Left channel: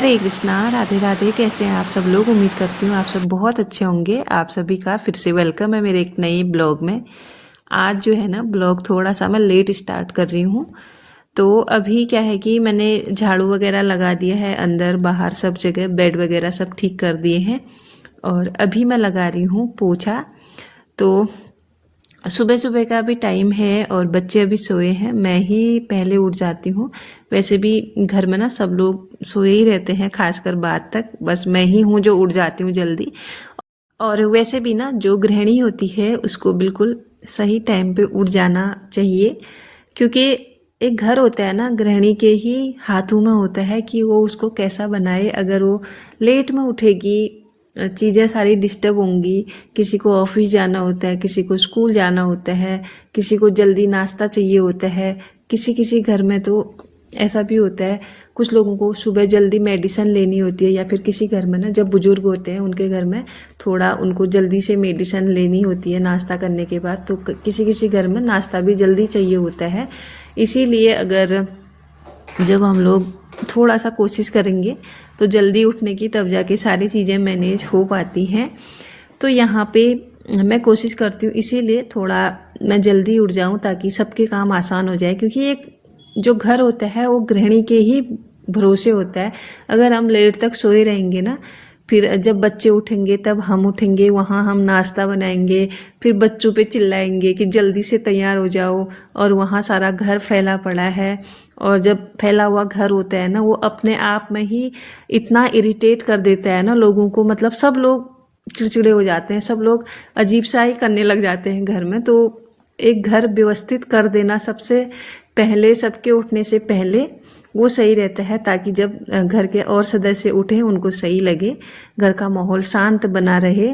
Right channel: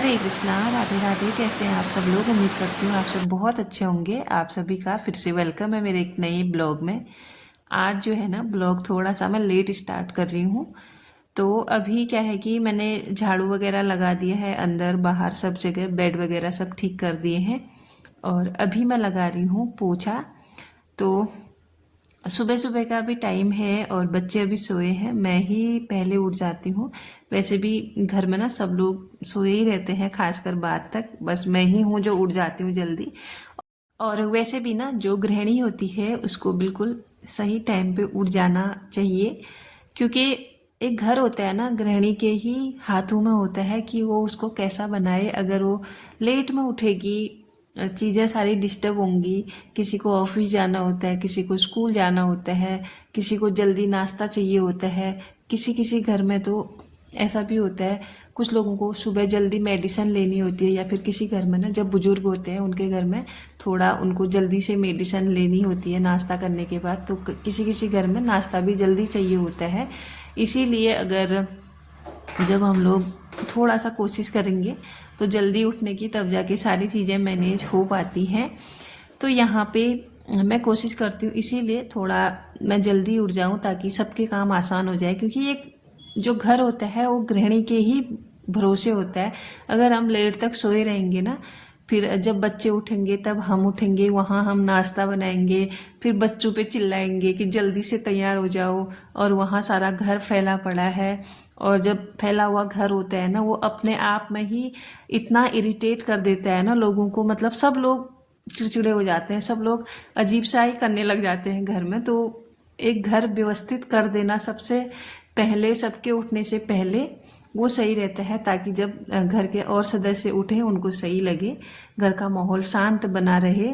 हरे कृष्णा, राधे राधे। कैसे हैं आप सब लोग? उम्मीद करती हूँ आप सब बहुत अच्छे होंगे। आप सभी का फिर से वेलकम है मेरे एक नए ब्लॉग में। आज जो है ना ब्लॉग थोड़ा सा मैं लेट स्टार्ट कर रही हूँ। तो अभी क्या है कि मैंने झाड़ू वगैरह लगा दिया है, अंदर बाहर सब जगह बेड वगैरह सब ठीक कर दिए हैं। और अभी मैं लगा रही हूँ पोछा। तो सुबह सुबह का भी टाइम है और बच्चे अभी सोए हैं, मैं ही पहले उठ जाती हूँ। वैसे भी घर में ना सब लोग सोए ही रहते हैं, खासकर बाद तक बस मैं ही हूँ जो उठ जाती हूँ जल्दी। और वैसे भी ना जो गृहिणी होती है उसको बिल्कुल सही टाइम पे उठ जाना चाहिए, क्योंकि एक घर होता है ना गृहिणी के ही हाथों में होता है कि वो उसको कैसा बनाए। अगर वो लेट में उठेगी, चीज़ें सारी डिस्टर्ब होंगी। किसी को ऑफिस जाना होता है, किसी को स्कूल जाना होता है, किसी को जल्दी नाश्ता चाहिए होता है। किसी किसी घर में तो ऐसा भी होता है, कुछ लोगों को सुबह जल्दी मेडिसिन लेनी होती है, या फिर किसी घर में ना जब बुजुर्ग होते हैं उनके घर में थोड़ा उनको जल्दी से मेडिसिन लेनी होती है नाश्ता करने के बाद। तो किसी किसी घर में नाश्ता भी जल्दी चाहिए होता है। इसीलिए अगर जब हम लोग थोड़ा सा कोशिश करेंगे तो जल्दी उठने की, तब जाके सारी चीज़ें मैनेज हो पाती हैं। तो यहाँ पे मैं कोशिश करती हूँ, इसीलिए थोड़ा मैं जल्दी उठ जाऊँ ताकि सबके काम आसान हो जाए। क्योंकि एक जो घर होता है वो गृहिणी के ही भरोसे होता है। अगर हम लेट तक सोए रहेंगे ना, फिर जब बच्चे उठेंगे तब हम उठेंगे, वहाँ हम नाश्ता बनाएंगे, फिर बच्चों पे चिल्लाएंगे कि जल्दी से तैयार हो जाओ, और वहाँ सारा घर फैला पड़ा है। और जब फैला हुआ घर होता है ना, वो अपने आप में ही इतना इरिटेट कर देता है ना लोगों को। मतलब सब लोग चिड़चिड़े हो जाते हैं, सब लोग अजीब सा ही करने लग जाते हैं घर में। तो एक घर व्यवस्थित कर देना सबसे पहले, सबके उठने से पहले वो सही रहता है, ताकि जब घर के और सदस्य उठें उनको सही लगे, घर का माहौल शांत बना रहे।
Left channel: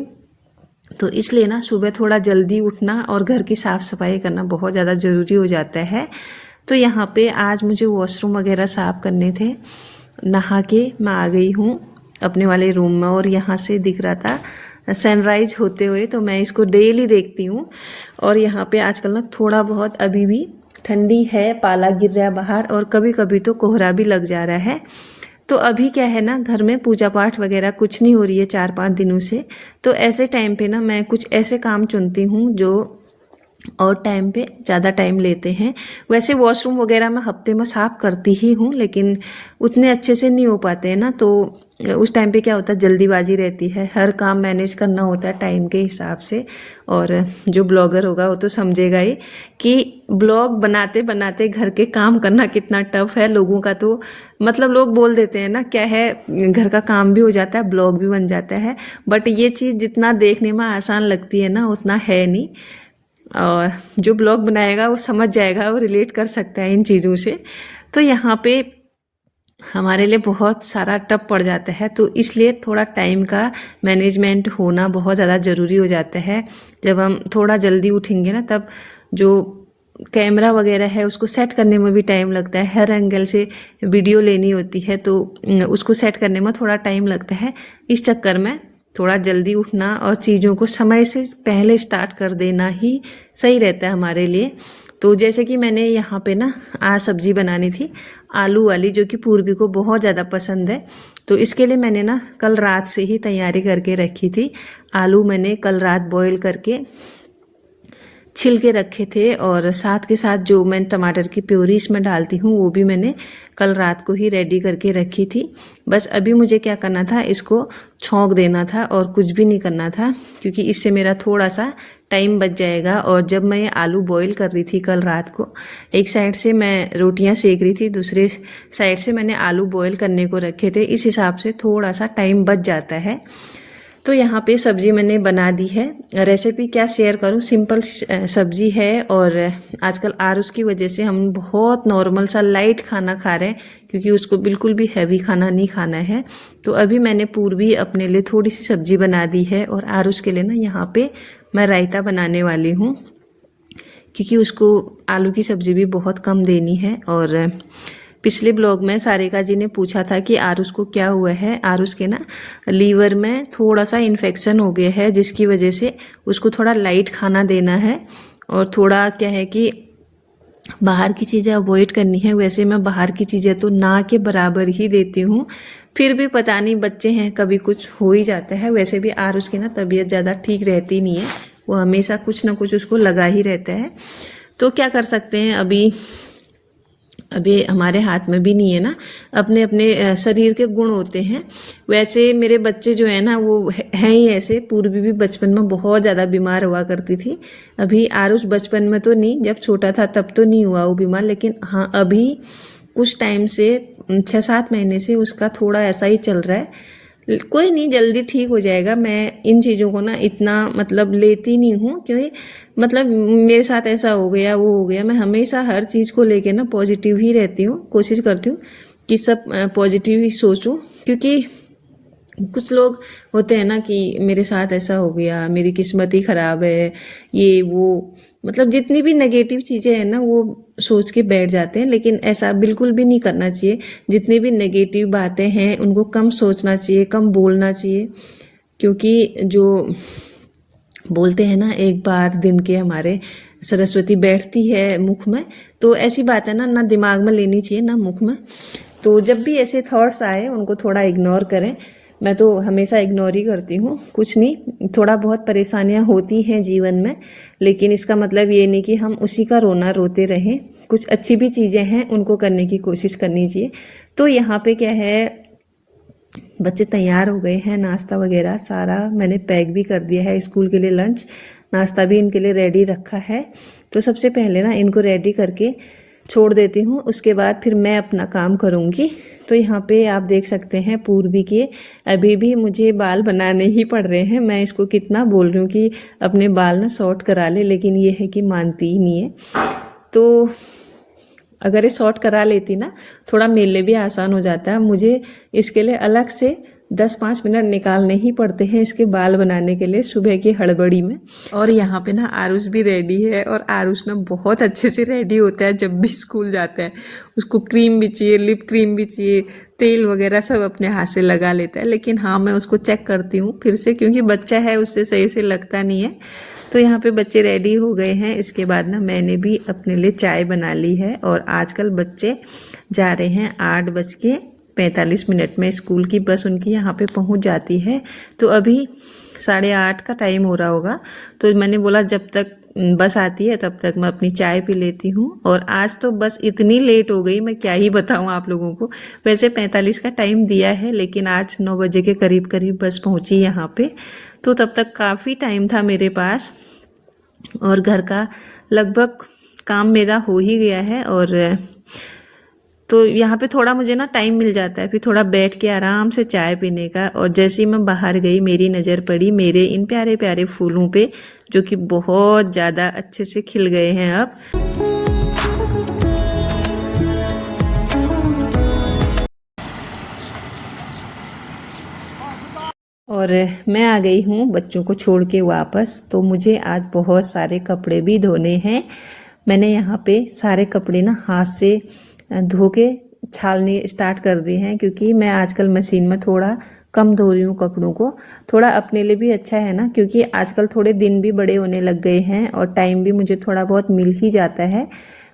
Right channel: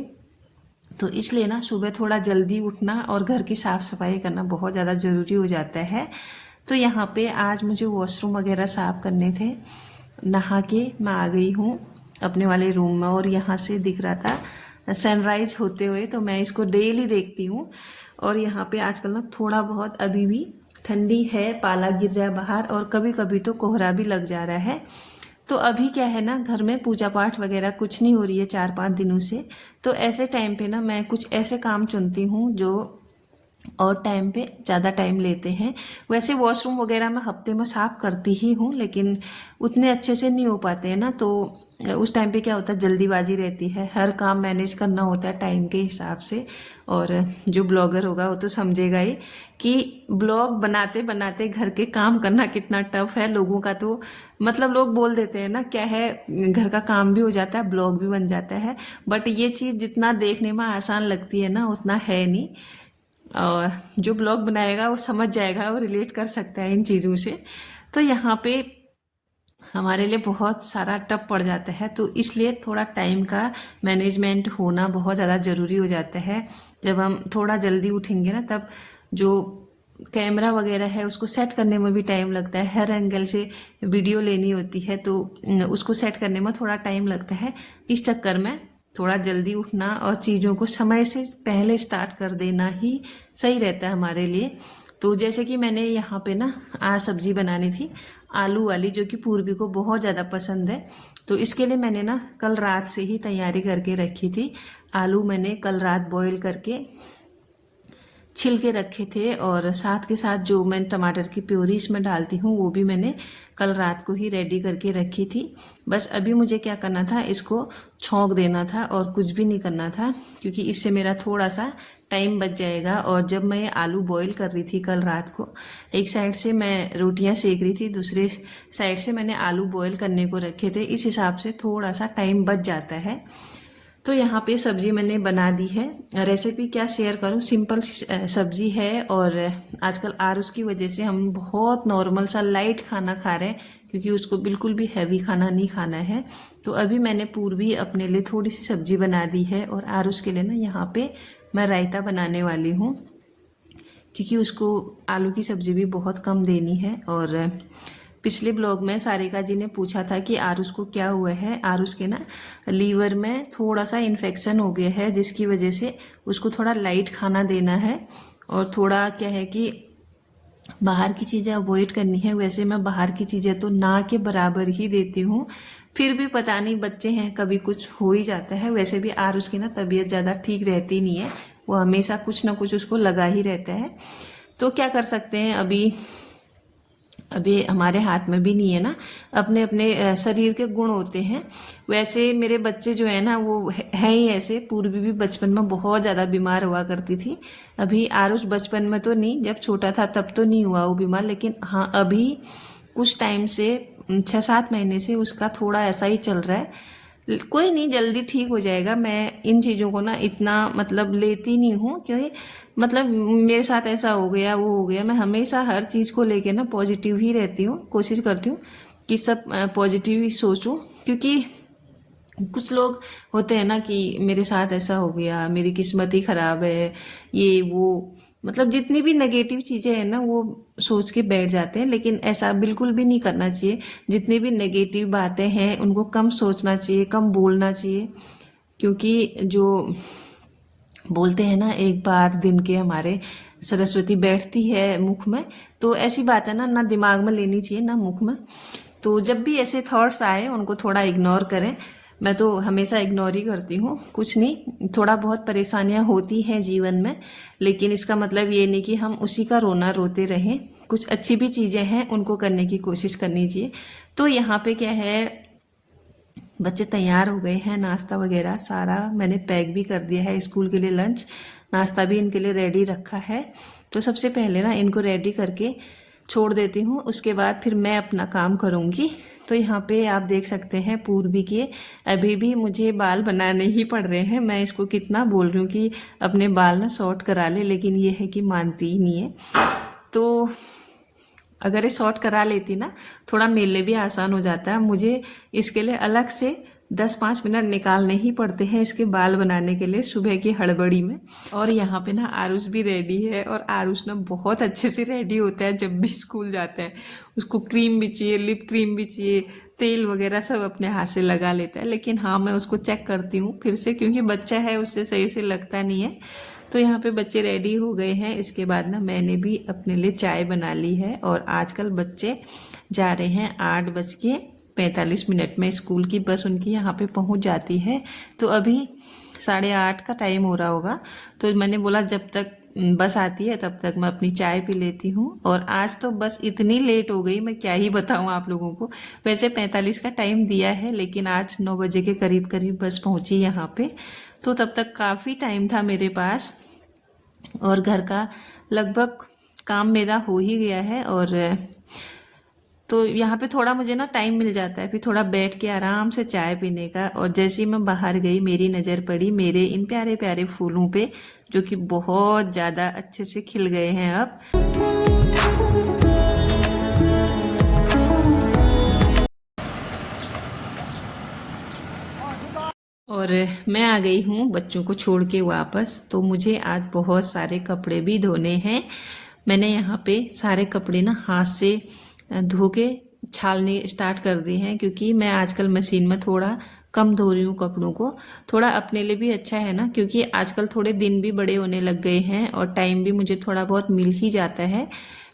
तो इसलिए ना सुबह थोड़ा जल्दी उठना और घर की साफ़ सफाई करना बहुत ज़्यादा ज़रूरी हो जाता है। तो यहाँ पे आज मुझे वॉशरूम वगैरह साफ़ करने थे। नहा के मैं आ गई हूँ अपने वाले रूम में, और यहाँ से दिख रहा था सनराइज होते हुए, तो मैं इसको डेली देखती हूँ। और यहाँ पे आजकल ना थोड़ा बहुत अभी भी ठंडी है, पाला गिर रहा है बाहर, और कभी कभी तो कोहरा भी लग जा रहा है। तो अभी क्या है ना, घर में पूजा पाठ वगैरह कुछ नहीं हो रही है 4-5 दिनों से। तो ऐसे टाइम पे ना मैं कुछ ऐसे काम चुनती हूँ जो और टाइम पे ज़्यादा टाइम लेते हैं। वैसे वॉशरूम वगैरह मैं हफ्ते में साफ़ करती ही हूँ, लेकिन उतने अच्छे से नहीं हो पाते हैं ना। तो उस टाइम पे क्या होता है, जल्दीबाजी रहती है, हर काम मैनेज करना होता है टाइम के हिसाब से। और जो ब्लॉगर होगा वो तो समझेगा ही कि ब्लॉग बनाते बनाते घर के काम करना कितना टफ है लोगों का। तो मतलब लोग बोल देते हैं ना, क्या है, घर का काम भी हो जाता है, ब्लॉग भी बन जाता है। बट ये चीज़ जितना देखने में आसान लगती है ना, उतना है नहीं। और जो ब्लॉग बनाएगा वो समझ जाएगा, वो रिलेट कर सकता है इन चीज़ों से। तो यहाँ पे हमारे लिए बहुत सारा टफ पड़ जाता है, तो इसलिए थोड़ा टाइम का मैनेजमेंट होना बहुत ज़्यादा ज़रूरी हो जाता है। जब हम थोड़ा जल्दी उठेंगे ना, तब जो कैमरा वगैरह है उसको सेट करने में भी टाइम लगता है, हर एंगल से वीडियो लेनी होती है, तो उसको सेट करने में थोड़ा टाइम लगता है। इस चक्कर में थोड़ा जल्दी उठना और चीज़ों को समय से पहले स्टार्ट कर देना ही सही रहता है हमारे लिए। तो जैसे कि मैंने यहाँ पे ना आज सब्जी बनानी थी आलू वाली, जो कि पूर्वी को बहुत ज़्यादा पसंद है। तो इसके लिए मैंने ना कल रात से ही तैयारी करके रखी थी। आलू मैंने कल रात बॉईल करके छिल के रखे थे, और साथ के साथ जो मैं टमाटर की प्योरी इसमें डालती हूँ वो भी मैंने कल रात को ही रेडी करके रखी थी। बस अभी मुझे क्या करना था, इसको छौंक देना था और कुछ भी नहीं करना था, क्योंकि इससे मेरा थोड़ा सा टाइम बच जाएगा। और जब मैं ये आलू बॉईल कर रही थी कल रात को, एक साइड से मैं रोटियां सेक रही थी, दूसरे साइड से मैंने आलू बॉईल करने को रखे थे। इस हिसाब से थोड़ा सा टाइम बच जाता है। तो यहाँ पे सब्जी मैंने बना दी है। रेसिपी क्या शेयर करूँ, सिंपल सब्जी है। और आजकल आरुष की वजह से हम बहुत नॉर्मल सा लाइट खाना खा रहे हैं, क्योंकि उसको बिल्कुल भी हैवी खाना नहीं खाना है। तो अभी मैंने पूर्वी अपने लिए थोड़ी सी सब्जी बना दी है, और आरुष के लिए ना यहाँ पे मैं रायता बनाने वाली हूँ, क्योंकि उसको आलू की सब्जी भी बहुत कम देनी है। और पिछले ब्लॉग में सारिका जी ने पूछा था कि आरुष को क्या हुआ है। आरुष के ना लीवर में थोड़ा सा इन्फेक्शन हो गया है, जिसकी वजह से उसको थोड़ा लाइट खाना देना है। और थोड़ा क्या है कि बाहर की चीज़ें अवॉइड करनी है। वैसे मैं बाहर की चीज़ें तो ना के बराबर ही देती हूँ, फिर भी पता नहीं बच्चे हैं कभी कुछ हो ही जाता है। वैसे भी आरुष की ना तबीयत ज़्यादा ठीक रहती नहीं है, वो हमेशा कुछ ना कुछ उसको लगा ही रहता है। तो क्या कर सकते हैं, अभी हमारे हाथ में भी नहीं है ना, अपने अपने शरीर के गुण होते हैं। वैसे मेरे बच्चे जो है ना वो हैं ही ऐसे। पूर्वी भी बचपन में बहुत ज़्यादा बीमार हुआ करती थी। अभी आरुष बचपन में तो नहीं, जब छोटा था तब तो नहीं हुआ वो बीमार, लेकिन हाँ अभी कुछ टाइम से 6-7 महीने से उसका थोड़ा ऐसा ही चल रहा है। कोई नहीं, जल्दी ठीक हो जाएगा। मैं इन चीज़ों को ना इतना मतलब लेती नहीं हूँ, क्योंकि मतलब मेरे साथ ऐसा हो गया वो हो गया। मैं हमेशा हर चीज़ को लेके ना पॉजिटिव ही रहती हूँ, कोशिश करती हूँ कि सब पॉजिटिव ही सोचूं। क्योंकि कुछ लोग होते हैं ना कि मेरे साथ ऐसा हो गया, मेरी किस्मत ही ख़राब है, ये वो, मतलब जितनी भी नेगेटिव चीज़ें हैं ना वो सोच के बैठ जाते हैं। लेकिन ऐसा बिल्कुल भी नहीं करना चाहिए। जितनी भी नेगेटिव बातें हैं उनको कम सोचना चाहिए, कम बोलना चाहिए। क्योंकि जो बोलते हैं ना, एक बार दिन के हमारे सरस्वती बैठती है मुख में, तो ऐसी बात है ना, ना दिमाग में लेनी चाहिए ना मुख में। तो जब भी ऐसे थॉट्स आए उनको थोड़ा इग्नोर करें। मैं तो हमेशा इग्नोर ही करती हूँ। कुछ नहीं, थोड़ा बहुत परेशानियाँ होती हैं जीवन में, लेकिन इसका मतलब ये नहीं कि हम उसी का रोना रोते रहें। कुछ अच्छी भी चीज़ें हैं उनको करने की कोशिश करनी चाहिए। तो यहाँ पे क्या है, बच्चे तैयार हो गए हैं, नाश्ता वगैरह सारा मैंने पैक भी कर दिया है स्कूल के लिए। लंच नाश्ता भी इनके लिए रेडी रखा है। तो सबसे पहले ना इनको रेडी करके छोड़ देती हूँ, उसके बाद फिर मैं अपना काम करूँगी। तो यहाँ पे आप देख सकते हैं पूर्वी के अभी भी मुझे बाल बनाने ही पड़ रहे हैं। मैं इसको कितना बोल रही हूँ कि अपने बाल ना शॉर्ट करा ले, लेकिन ये है कि मानती ही नहीं है। तो अगर ये शॉर्ट करा लेती ना, थोड़ा मेरे लिए भी आसान हो जाता है। मुझे इसके लिए अलग से 10-5 मिनट निकालने ही पड़ते हैं इसके बाल बनाने के लिए, सुबह की हड़बड़ी में। और यहाँ पे ना आरुष भी रेडी है, और आरुष ना बहुत अच्छे से रेडी होता है जब भी स्कूल जाता है। उसको क्रीम भी चाहिए, लिप क्रीम भी चाहिए, तेल वगैरह सब अपने हाथ से लगा लेता है। लेकिन हाँ, मैं उसको चेक करती हूँ फिर से, क्योंकि बच्चा है उससे सही से लगता नहीं है। तो यहाँ पे बच्चे रेडी हो गए हैं। इसके बाद ना मैंने भी अपने लिए चाय बना ली है। और आजकल बच्चे जा रहे हैं 8:45 में, स्कूल की बस उनकी यहाँ पे पहुँच जाती है। तो अभी 8:30 का टाइम हो रहा होगा। तो मैंने बोला जब तक बस आती है तब तक मैं अपनी चाय पी लेती हूँ। और आज तो बस इतनी लेट हो गई, मैं क्या ही बताऊँ आप लोगों को। वैसे 45 का टाइम दिया है, लेकिन आज 9 बजे के करीब करीब बस पहुँची यहाँ पे। तो तब तक काफ़ी टाइम था मेरे पास, और घर का लगभग काम मेरा हो ही गया है। और तो यहाँ पे थोड़ा मुझे ना टाइम मिल जाता है फिर थोड़ा बैठ के आराम से चाय पीने का। और जैसे ही मैं बाहर गई, मेरी नज़र पड़ी मेरे इन प्यारे प्यारे फूलों पे, जो कि बहुत ज़्यादा अच्छे से खिल गए हैं अब। और मैं आ गई हूँ बच्चों को छोड़ के वापस। तो मुझे आज बहुत सारे कपड़े भी धोने हैं। मैंने यहाँ पे सारे कपड़े ना हाथ से धो के छालने स्टार्ट कर दिए हैं, क्योंकि मैं आजकल मशीन में थोड़ा कम धो रही हूँ कपड़ों को। थोड़ा अपने लिए भी अच्छा है ना, क्योंकि आजकल थोड़े दिन भी बड़े होने लग गए हैं और टाइम भी मुझे थोड़ा बहुत मिल ही जाता है।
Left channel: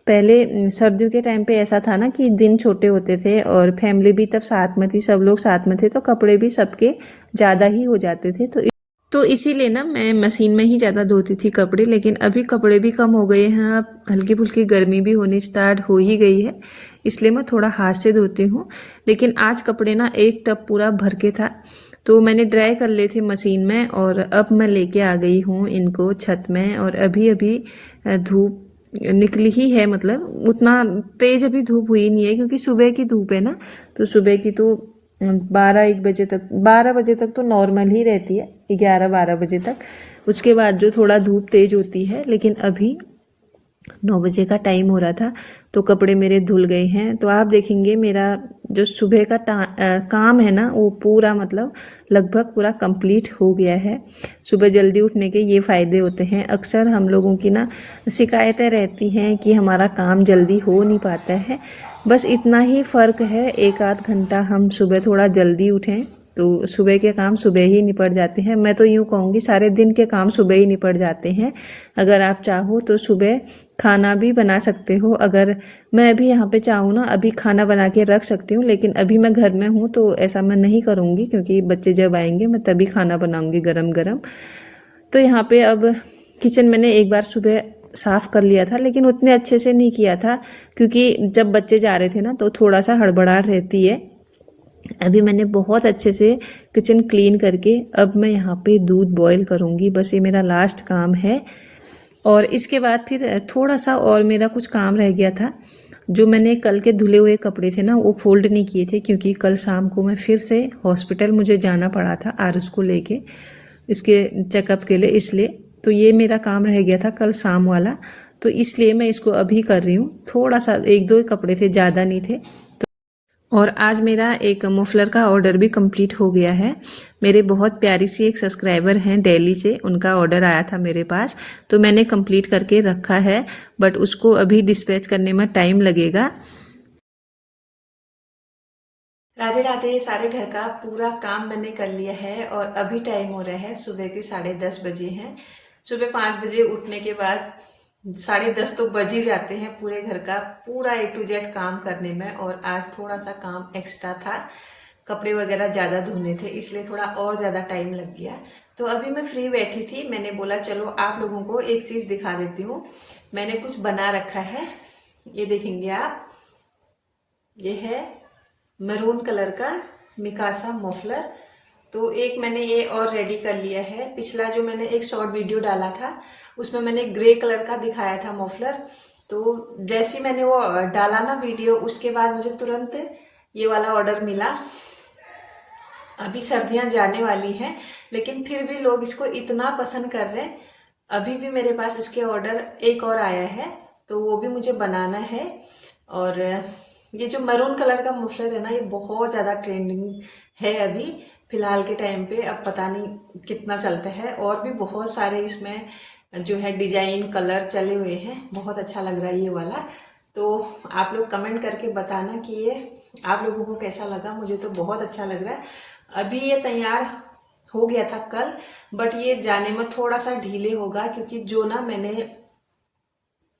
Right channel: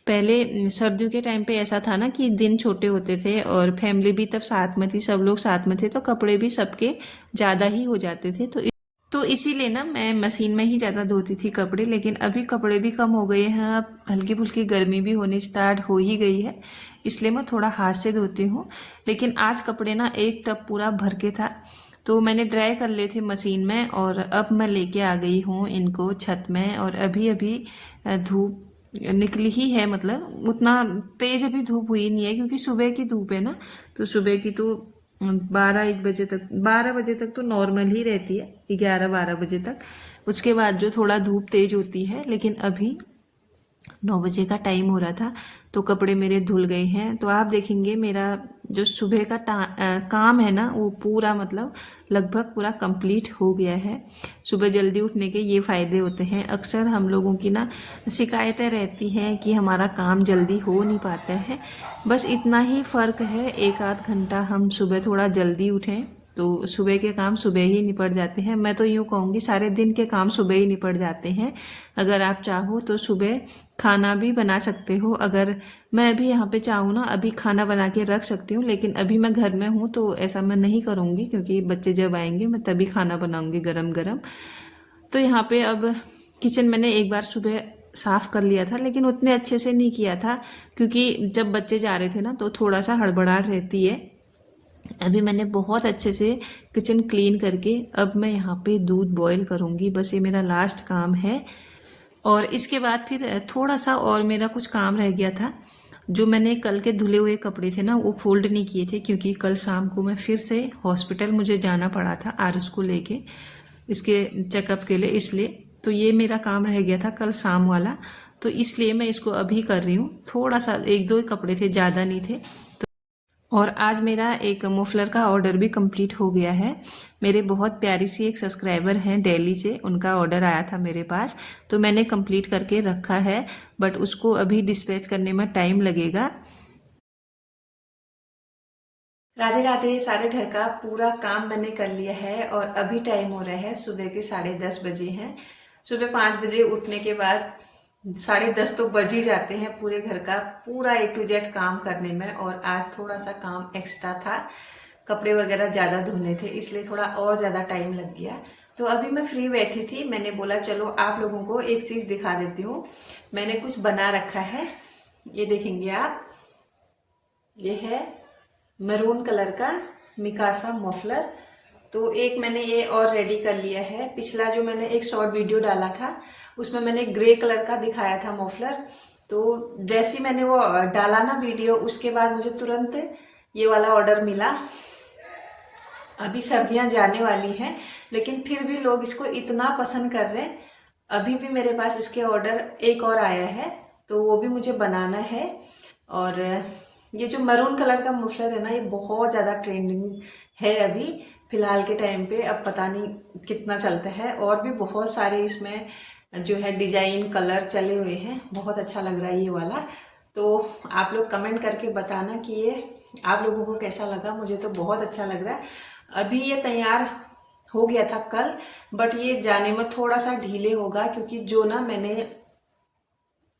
पहले सर्दियों के टाइम पे ऐसा था ना कि दिन छोटे होते थे और फैमिली भी तब साथ में थी, सब लोग साथ में थे, तो कपड़े भी सबके ज़्यादा ही हो जाते थे। तो इसीलिए ना मैं मशीन में ही ज़्यादा धोती थी कपड़े। लेकिन अभी कपड़े भी कम हो गए हैं, अब हल्की फुल्की गर्मी भी होनी स्टार्ट हो ही गई है, इसलिए मैं थोड़ा हाथ से धोती हूँ। लेकिन आज कपड़े ना एक टब पूरा भर के था, तो मैंने ड्राई कर लिए थे मशीन में। और अब मैं लेके आ गई हूँ इनको छत में। और अभी अभी धूप निकली ही है, मतलब उतना तेज़ अभी धूप हुई नहीं है, क्योंकि सुबह की धूप है ना। तो सुबह की तो 12 बजे तक तो नॉर्मल ही रहती है, 11-12 बजे तक। उसके बाद जो थोड़ा धूप तेज होती है। लेकिन अभी 9 बजे का टाइम हो रहा था, तो कपड़े मेरे धुल गए हैं। तो आप देखेंगे मेरा जो सुबह का काम है ना, वो पूरा मतलब लगभग पूरा कंप्लीट हो गया है। सुबह जल्दी उठने के ये फ़ायदे होते हैं। अक्सर हम लोगों की ना शिकायतें रहती हैं कि हमारा काम जल्दी हो नहीं पाता है। बस इतना ही फ़र्क है, 1-8 घंटा हम सुबह थोड़ा जल्दी उठें तो सुबह के काम सुबह ही निपट जाते हैं। मैं तो यूँ कहूँगी सारे दिन के काम सुबह ही निपट जाते हैं। अगर आप चाहो तो सुबह खाना भी बना सकते हो। अगर मैं अभी यहाँ पे चाहूँ ना अभी खाना बना के रख सकती हूँ, लेकिन अभी मैं घर में हूँ तो ऐसा मैं नहीं करूँगी, क्योंकि बच्चे जब आएंगे मैं तभी खाना बनाऊँगी गरम गरम। तो यहाँ पे अब किचन मैंने एक बार सुबह साफ़ कर लिया था, लेकिन उतने अच्छे से नहीं किया था, क्योंकि जब बच्चे जा रहे थे ना तो थोड़ा सा हड़बड़ाहट रहती है। अभी मैंने बहुत अच्छे से किचन क्लीन करके अब मैं यहाँ पे दूध बॉईल करूँगी। बस ये मेरा लास्ट काम है। और इसके बाद फिर थोड़ा सा और मेरा कुछ काम रह गया था। जो मैंने कल के धुले हुए कपड़े थे ना वो फोल्ड नहीं किए थे, क्योंकि कल शाम को मैं फिर से हॉस्पिटल मुझे जाना पड़ा था आरुष को लेके इसके चेकअप के लिए, इसलिए तो ये मेरा काम रह गया था कल शाम वाला, तो इसलिए मैं इसको अभी कर रही हूँ। थोड़ा सा एक दो कपड़े थे, ज़्यादा नहीं थे। और आज मेरा एक मफलर का ऑर्डर भी कंप्लीट हो गया है। मेरे बहुत प्यारी सी एक सब्सक्राइबर हैं दिल्ली से, उनका ऑर्डर आया था मेरे पास, तो मैंने कंप्लीट करके रखा है, बट उसको अभी डिस्पैच करने में टाइम लगेगा। राधे राधे। सारे घर का पूरा काम मैंने कर लिया है और अभी टाइम हो रहा है सुबह के 10:30 बजे हैं। सुबह 5 बजे उठने के बाद 10:30 तो बज ही जाते हैं पूरे घर का पूरा A to Z काम करने में। और आज थोड़ा सा काम एक्स्ट्रा था, कपड़े वगैरह ज़्यादा धोने थे, इसलिए थोड़ा और ज़्यादा टाइम लग गया। तो अभी मैं फ्री बैठी थी, मैंने बोला चलो आप लोगों को एक चीज़ दिखा देती हूँ। मैंने कुछ बना रखा है, ये देखेंगे आप। ये है मैरून कलर का मिकासा मफलर। तो एक मैंने ये और रेडी कर लिया है। पिछला जो मैंने एक शॉर्ट वीडियो डाला था उसमें मैंने ग्रे कलर का दिखाया था मफलर। तो जैसे ही मैंने वो डाला ना वीडियो, उसके बाद मुझे तुरंत ये वाला ऑर्डर मिला। अभी सर्दियां जाने वाली हैं, लेकिन फिर भी लोग इसको इतना पसंद कर रहे हैं। अभी भी मेरे पास इसके ऑर्डर एक और आया है, तो वो भी मुझे बनाना है। और ये जो मैरून कलर का मफलर है ना, ये बहुत ज़्यादा ट्रेंडिंग है अभी फिलहाल के टाइम पे। अब पता नहीं कितना चलता है। और भी बहुत सारे इसमें जो है डिजाइन कलर चले हुए हैं, बहुत अच्छा लग रहा है ये वाला। तो आप लोग कमेंट करके बताना कि ये आप लोगों को कैसा लगा। मुझे तो बहुत अच्छा लग रहा है। अभी ये तैयार हो गया था कल, बट ये जाने में थोड़ा सा डिले होगा, क्योंकि जो ना मैंने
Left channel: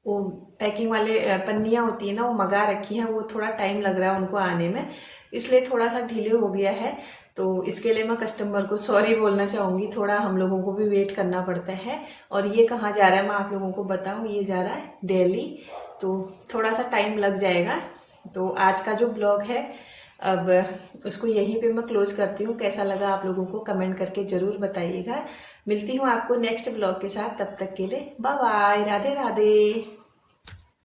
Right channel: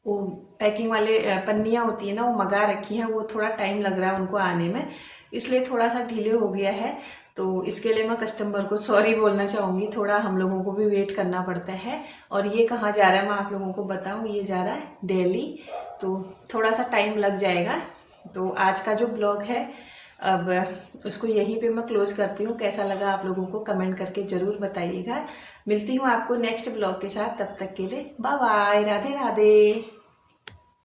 वो पैकिंग वाले पन्नियाँ होती है ना, वो मंगा रखी हैं, वो थोड़ा टाइम लग रहा है उनको आने में, इसलिए थोड़ा सा डिले हो गया है। तो इसके लिए मैं कस्टमर को सॉरी बोलना चाहूँगी। थोड़ा हम लोगों को भी वेट करना पड़ता है। और ये कहाँ जा रहा है मैं आप लोगों को बताऊँ, ये जा रहा है दिल्ली, तो थोड़ा सा टाइम लग जाएगा। तो आज का जो ब्लॉग है अब उसको यहीं पे मैं क्लोज करती हूँ। कैसा लगा आप लोगों को कमेंट करके ज़रूर बताइएगा। मिलती हूँ आपको नेक्स्ट ब्लॉग के साथ, तब तक के लिए बाय बाय, राधे राधे।